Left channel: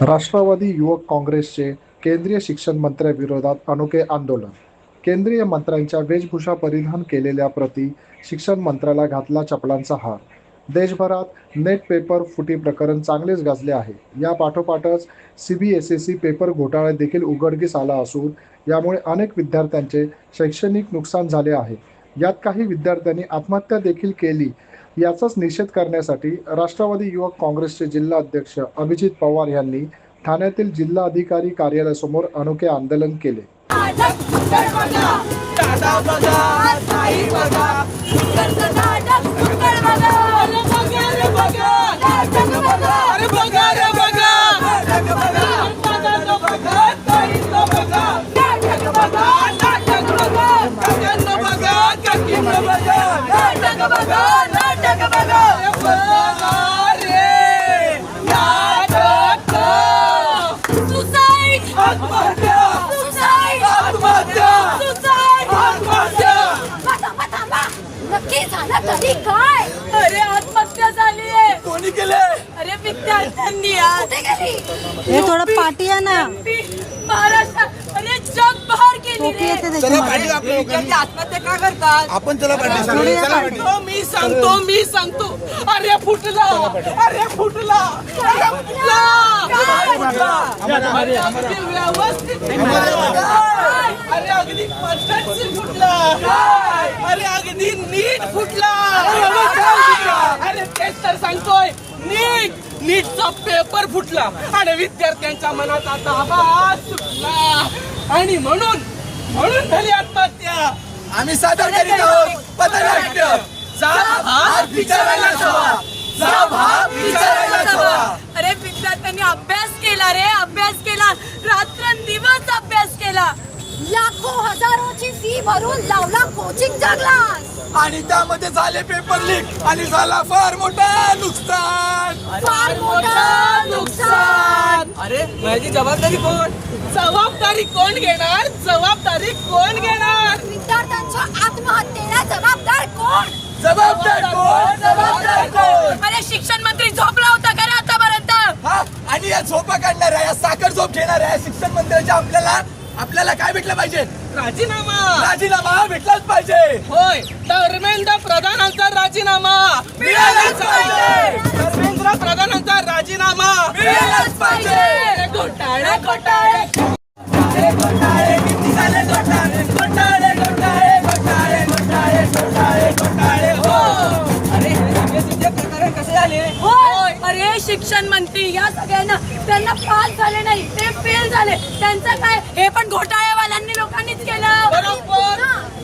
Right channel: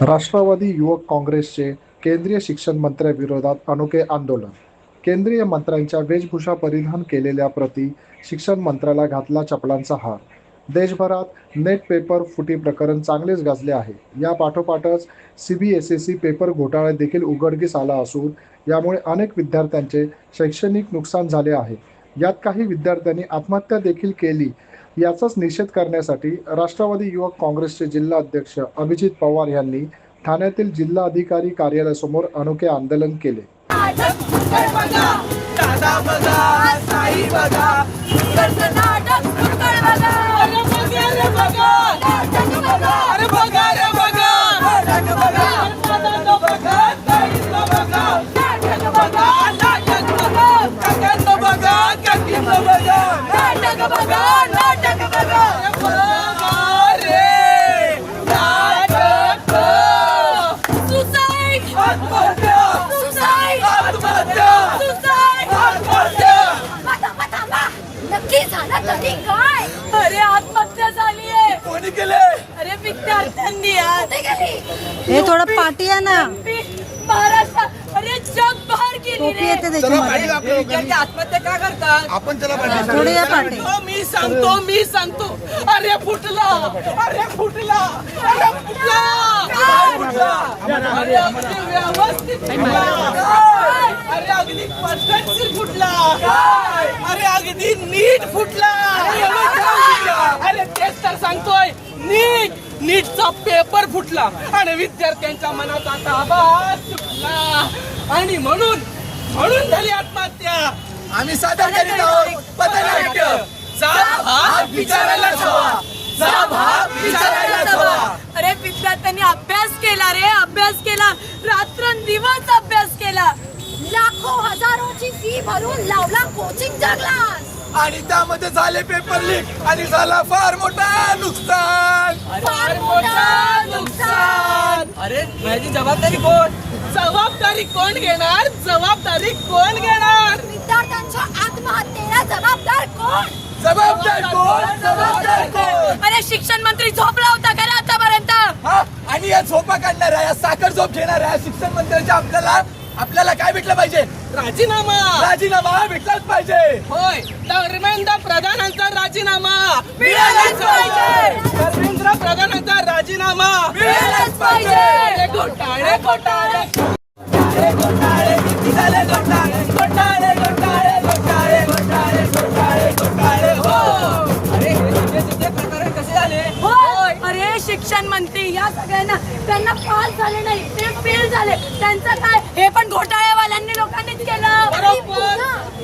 राष्ट्रवादी युवक काँग्रेसचे केंद्रीय शिक्षण मंत्र्यांविरोधात अनोखे आंदोलन. केंद्रीय मंत्र्यांच्या वेशभूषा परिधान केलेल्या प्रती शिक्षण मंत्र्याला घातला चपलांचा हार. देशभरात नेट पेपर फुटी प्रकरण चांगलेच गाजले आहे. या पाठोपाठच सीबीएसई पेपर घोटाळा देखील उघडकीस आला असून यामुळे अनेक विद्यार्थ्यांचे शैक्षणिक नुकसान झाले आहे. यात काही विद्यार्थ्यांनी आत्महत्या देखील केली. याचाच निषेध करण्यासाठी राष्ट्रवादी युवक काँग्रेसचे जिल्हा अध्यक्ष अभिजित पवार यांनी ठाण्यातील जिल्हाधिकारी कार्यालयासमोर अनोखे आंदोलन केले. तरी काय? अरे आत्महत्या झाली आहे. कोणी केले? अरे विद्यार्थ्यांनी. हे थोडं पाठी आहे ना. महाराष्ट्र अरे जग बाहेर गेली रे. आत्महत्या का करतात? आपण त्याला मी सांगतो अरे फुटला अरे फुटला अरे अगदी व्यवस्थित अरे अगदी परफेक्ट फुटला अरे अगदी नीट फुटला अरे तेच तर सांगतोय नीटचा पेपर फुटला आणि विद्यार्थ्यांच्या मनात आता आवाज सुटला आणि म्हणून झाली आत्महत्या. आम्ही सादर करीत आहोत पथनाट्य. अरे विद्यार्थ्यांनी अभ्यास केला रे, अभ्यास केला, रात्रंदिवस अभ्यास केला, लाखो हजारोची फी भरून लावला कोचिंगचा क्लास आणि त्यामध्ये झाले पेपर लीक आणि झाला फार मोठा नुकसान. अरे माझी जबाबदारी कोण घेणार? विद्यार्थ्यांच्या आत्महत्येला जबाबदार कोण? अरे शिक्षण मंत्री झोपला होता का रे आतापर्यंत? आणि या झोपा काढणाऱ्या या साखर झोप घेणाऱ्या शिक्षण मंत्र्यांच्या आपल्याला काय भेटलं पाहिजे? राजीनामा भेटलाच पाहिजे. होय, धर्मेंद्र प्रधानांचा राजीनामा मिळालाच पाहिजे. धर्मेंद्र प्रधानांचा राजीनामा मिळालाच पाहिजे. घोटाळे कसे झाले? अरे शिक्षण मंत्री या सगळ्यांना त्यांना पास झाले नाही, ते फेल झाले. त्यांचं काय? हे पण घोटाळेवाल्यांनी लोकांनीच केलं. बरोबर.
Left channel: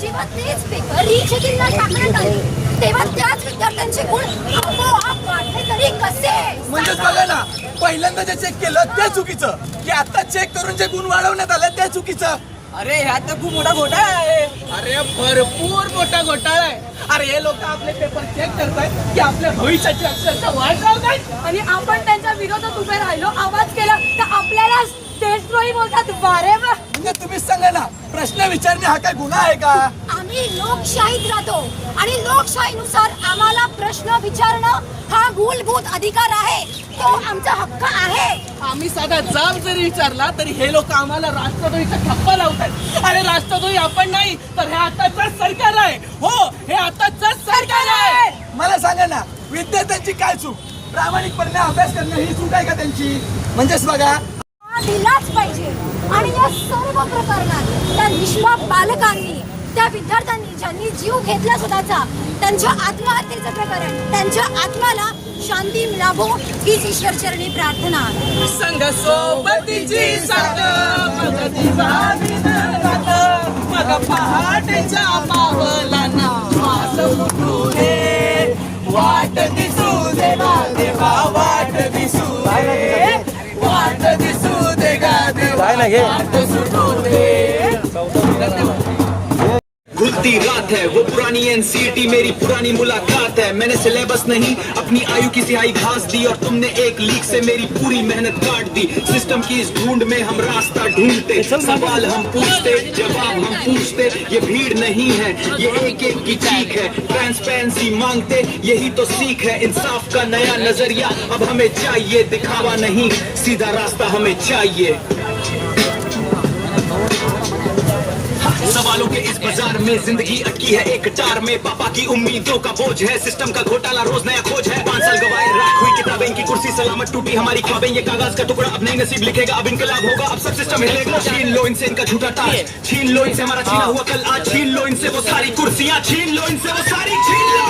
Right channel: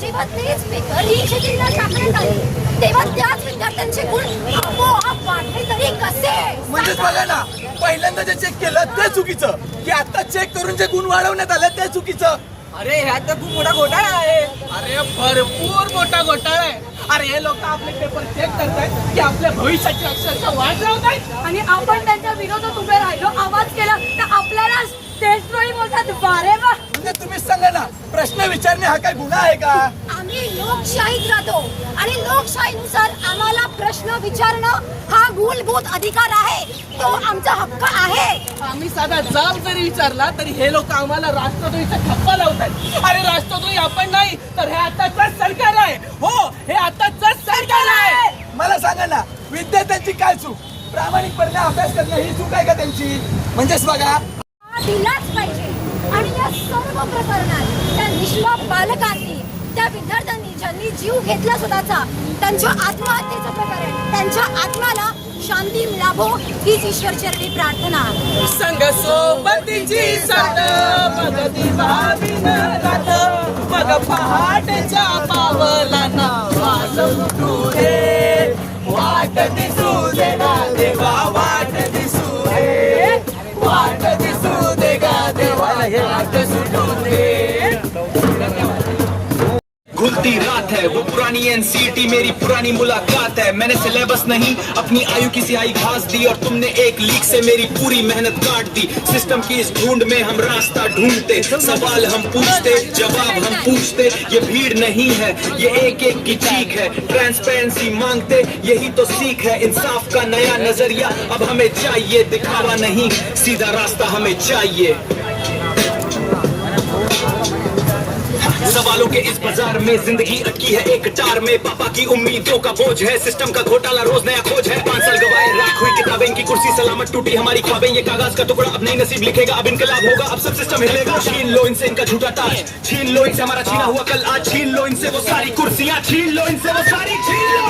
जेव्हा तेच पेपर रिचेकिंगला टाकण्यात आले तेव्हा त्याच विद्यार्थ्यांचे गुण आपोआप वाढले तरी कसे? म्हणजेच बघा ना, पहिल्यांदा जे चेक केलं ते चुकीचं, की आता चेक करून जे गुण वाढवण्यात आले ते चुकीचं. अरे ह्यात तर खूप मोठा घोटाळा आहे. अरे भरपूर मोठा घोटाळा आहे. अरे हे लोक आपले पेपर चेक करतायत की आपल्या भविष्याची अक्षरशः वाट लावतायत आणि आपण त्यांच्या विरोधात उभे राहिलो, आवाज केला तर आपल्याला स्टेजवरही बोलतात वारे वा. म्हणजे तुम्हीच सांगा ना, प्रश्न विचारणे हा काय गुन्हा आहे का? आम्ही लोकशाहीत राहतो आणि लोकशाहीनुसार आम्हाला प्रश्न विचारणं हा मूलभूत अधिकार आहे, तो आमचा हक्क आहे. आम्ही साधा जाब जरी विचारला तरी हे लोक आम्हाला राष्ट्रद्रोहीचा ठप्पा लावतात. अरे राष्ट्रद्रोही आपण नाही तर हे आताच सरकार आहे. हो, हे आताच सरकार आहे. मला सांगा ना, विद्यार्थ्यांची काय चूक? प्रामाणिकपणे अभ्यास करणं ही चूक आहे का त्यांची? म्हणजेच बघा, दिलाच पाहिजे. आणि या सर्व प्रकरणात त्या निष्पाप बालकांनी, त्या विद्यार्थ्यांनी ज्यांनी जीव घेतला स्वतःचा, त्यांच्या आत्महत्येचं प्रकरण, त्यांच्या आत्म्याला शांती लाभो हीच ईश्वरचरणी प्रार्थना. संघ सोबतीची साथ मदतीला विनरात मग पहाटेच्या पावलांना वास फुटू दे, वाट दिसू दे गा देवा, वाट दिसू दे, वाट दिसू दे गा देवा, वाट सुटू दे. बीतती रात है, वो पुरानी एनसीईटी मेरी पुरानी मुलाकात है। मैंने सिलेबस नहीं अपनी आयु की सियाही घास दी, और तुमने एक लीक से मेरी पूरी मेहनत काट दी। सिस्टम की इस ढूंढ में हम रास्ता ढूंढते, सवाल हम पूछते, जवाब हम पूछते। ये भीड़ नहीं है, ये एक एक की चीख है। ट्रांसपेरेंसी मांगते, यही तो सीख है। इंसाफ का नया नजरिया अब हमें चाहिए, दिखावा नहीं सीधा रास्ता हमें चाहिए। सवालों के इस बाजार में जिंदगी अटकी है एक टार में। पापा की उम्मीदों का बोझ है, सिस्टम का घोटाला रोज नया खोज है। 5 साल गवाए, राख हुई किताबें, इनकी कुर्सी सलामत, टूटी हमारी ख्वाबें। ये कागज का टुकड़ा अब नई नसीब लिखेगा, अब इनकलाब होगा, अब सब सिस्टम हिलेगा। छीन लो इनसे इनका झूठा ताज, छीन लो इनसे हमारा छीना हुआ कल आज। छीन लो इनसे वो सारी कुर्सियां, छीन लो इनसे वो सारी, छीन लो।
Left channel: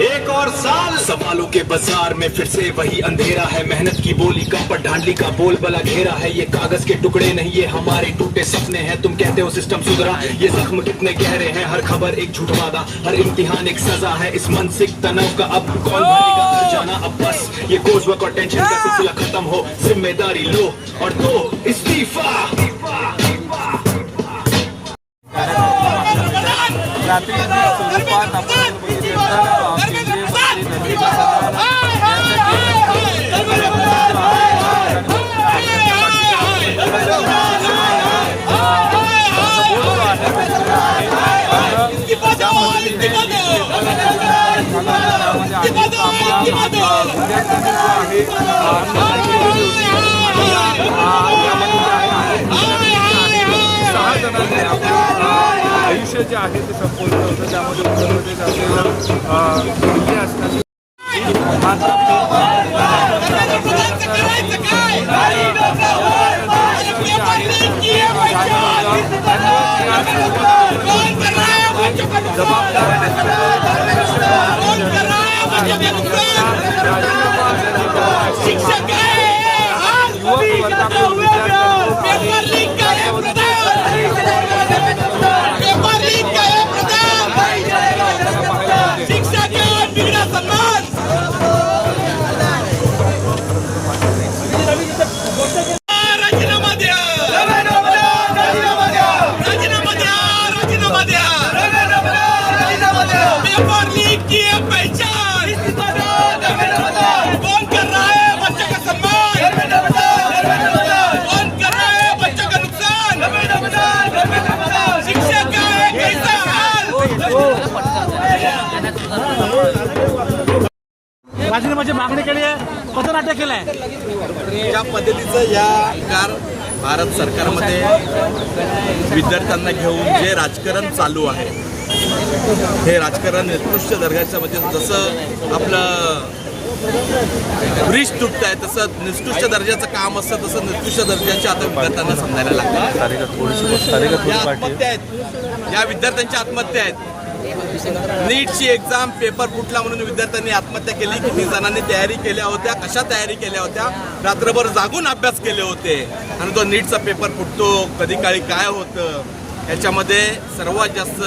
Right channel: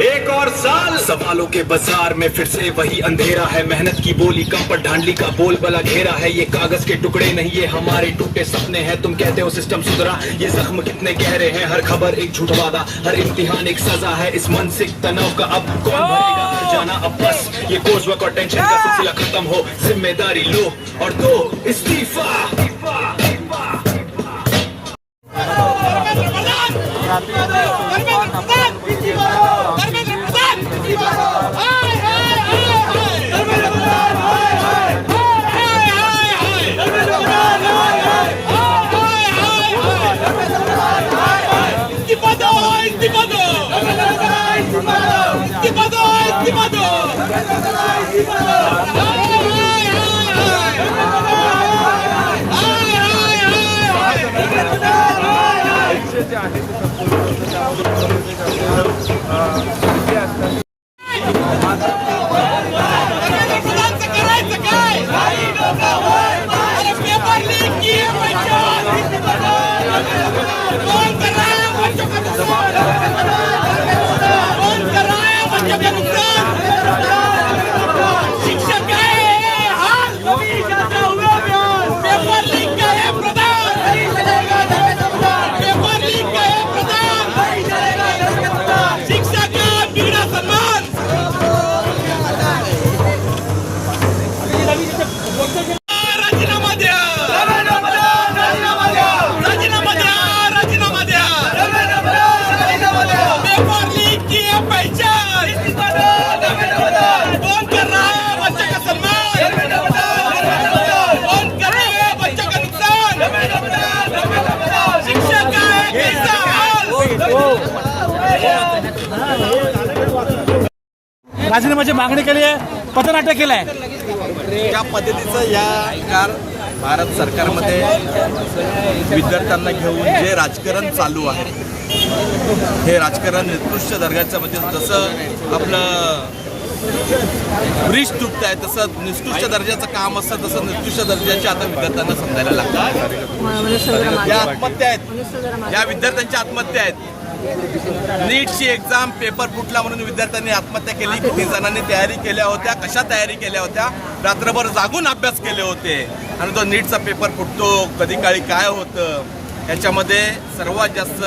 एक और साल सवालों के बाजार में फिर से वही अंधेरा है। मेहनत की बोली का पर ढांडली का बोल बला घेरा है। ये कागज के टुकड़े नहीं, ये हमारे टूटे सपने हैं। तुम कहते हो सिस्टम सुधरा, ये जख्म कितने गहरे हैं। हर खबर एक झूठ वादा, हर इम्तिहान एक सजा है। इस मानसिक तनाव का अब कौन भरेगा हर जाना। अब बस ये कोर्स वर्क और टेंशन का सिलसिला खत्म हो, जिम्मेदारी लो और दो इस्तीफा। राजीनाम्याची मागणी केली आहे, पथनाट्य केलं आहे। त्या पद्धतीचं या भारत सरकारमध्ये विद्यार्थ्यांना घेऊन जे राजकारण चालू आहे, हे राजकारण निकृष्ट दर्जाचं, म्हणजे जसं आपलं ब्रिज तुटत आहे तसं निकृष्ट दर्जाचं काम असतं, तसं निकृष्ट दर्जाचे आता विद्यार्थ्यांना समजायला लागतं। या आत्महत्या आहेत, या विद्यार्थ्यांच्या आत्महत्या आहेत। नीटची एक्झाम पेपर फुटला म्हणून विद्यार्थ्यांनी आत्महत्या केली। किती जणांनी तयारी केल्या होत्या, कशा तयारी केल्या होत्या, रात्रभर जागून अभ्यास केले होते, आणि तो नीटचा पेपर फुटतो, कधी काळी काय होतं, याच्यामध्ये सर्वात जास्त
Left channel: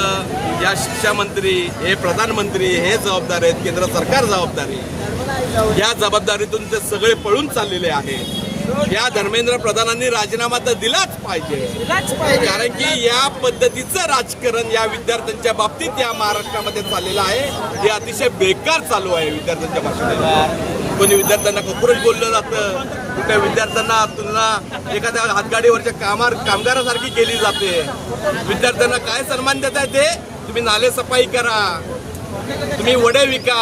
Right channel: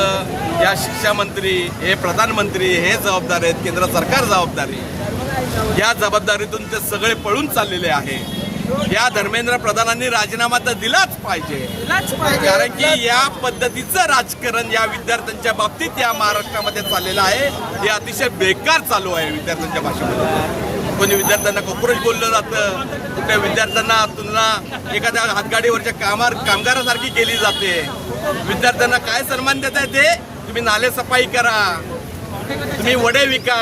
या शिक्षा मंत्री, हे प्रधानमंत्री हे जबाबदार आहेत, केंद्र सरकार जबाबदार आहे। या जबाबदारीतून ते सगळे पळून चाललेले आहेत। या धर्मेंद्र प्रधानांनी राजीनामा तर दिलाच पाहिजे, कारण की या पद्धतीचं राजकारण या विद्यार्थ्यांच्या बाबतीत या महाराष्ट्रामध्ये चाललेलं आहे, हे अतिशय बेकार चालू आहे। विद्यार्थ्यांच्या भाषेमध्ये कोणी विद्यार्थ्यांना कॉक्रोच बोललं जातं, कुठल्या विद्यार्थ्यांना तुलना एखाद्या हातगाडीवरच्या कामगारासारखी केली जाते। विद्यार्थ्यांना काय सन्मान देताय ते, तुम्ही नाले सफाई करा, तुम्ही वडे विका,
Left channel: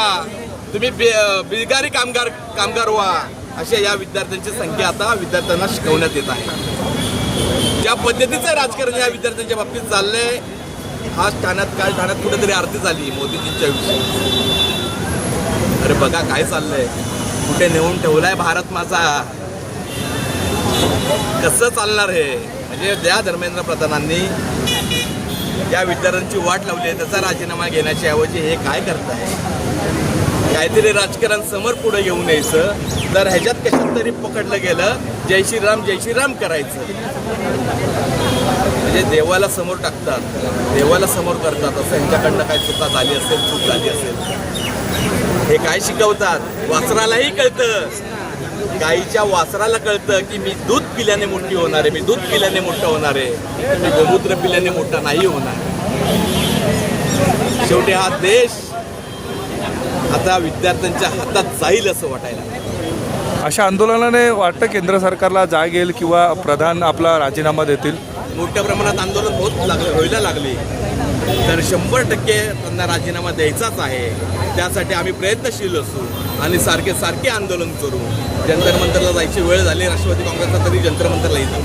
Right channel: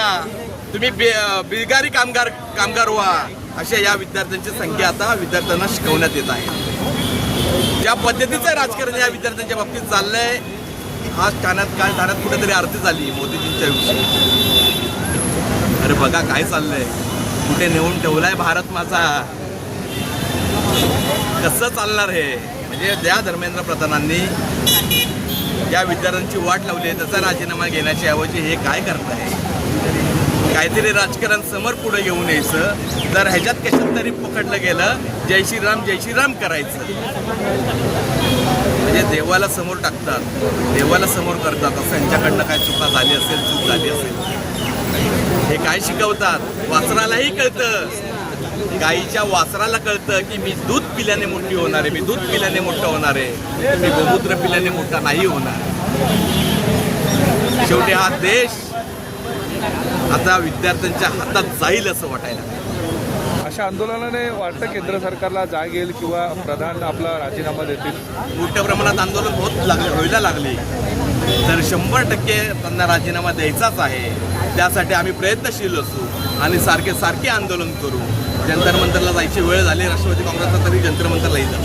तुम्ही बिलगारी कामगार व्हा, अशा या विद्यार्थ्यांची संख्या आता विद्यार्थ्यांना शिकवण्यात येत आहे। ज्या पद्धतीचं राजकारण या विद्यार्थ्यांच्या बाबतीत चाललंय, आज ठाण्यात कुठेतरी आरती झाली मोदीजींच्या विषयी। अरे बघा काय चाललंय, कुठे नेऊन ठेवलाय भारत माझा, कसं चालणार हे? म्हणजे त्या धर्मेंद्र प्रधानांनी या विद्यार्थ्यांची वाट लावली आहे, त्याचा राजीनामा घेण्याच्या ऐवजी हे काय करताय? काहीतरी राजकारण समोर पुढे घेऊन यायचं, तर ह्याच्यात कशात तरी पकडलं गेलं जय श्रीराम करायचं, म्हणजे देवाला समोर टाकतात, देवाला समोर करतात, असं यांच्याकडनं काय चूक झाली असेल हे काय शिकवतात? वासरालाही कळतं, गाईच्या वासराला कळतं की मी दूध पिल्याने मोठी होणार आहे, मी दूध पिल्याने मोठं होणार आहे, मी गोमूत्र पिल्याने मोठा नाही होणार. शेवटी हा देश आता विद्यार्थ्यांच्या हातात जाईल असं वाटायला लागलं. अशा आंदोलनाने वाटतं केंद्र सरकारला जाग येईल किंवा प्रधान आपला राजीनामा देतील? मोठ्या प्रमाणात आंदोलन व्हायला लागले तर 100% त्यांना राजीनामा द्यायचाच आहे. त्यासाठी आम्ही प्रयत्नशील असू आणि सारखे आंदोलन करू. जंतर मंतरला जायची वेळ झाली राष्ट्रवादी काँग्रेसला, तरी जंतर मंतरला येतात.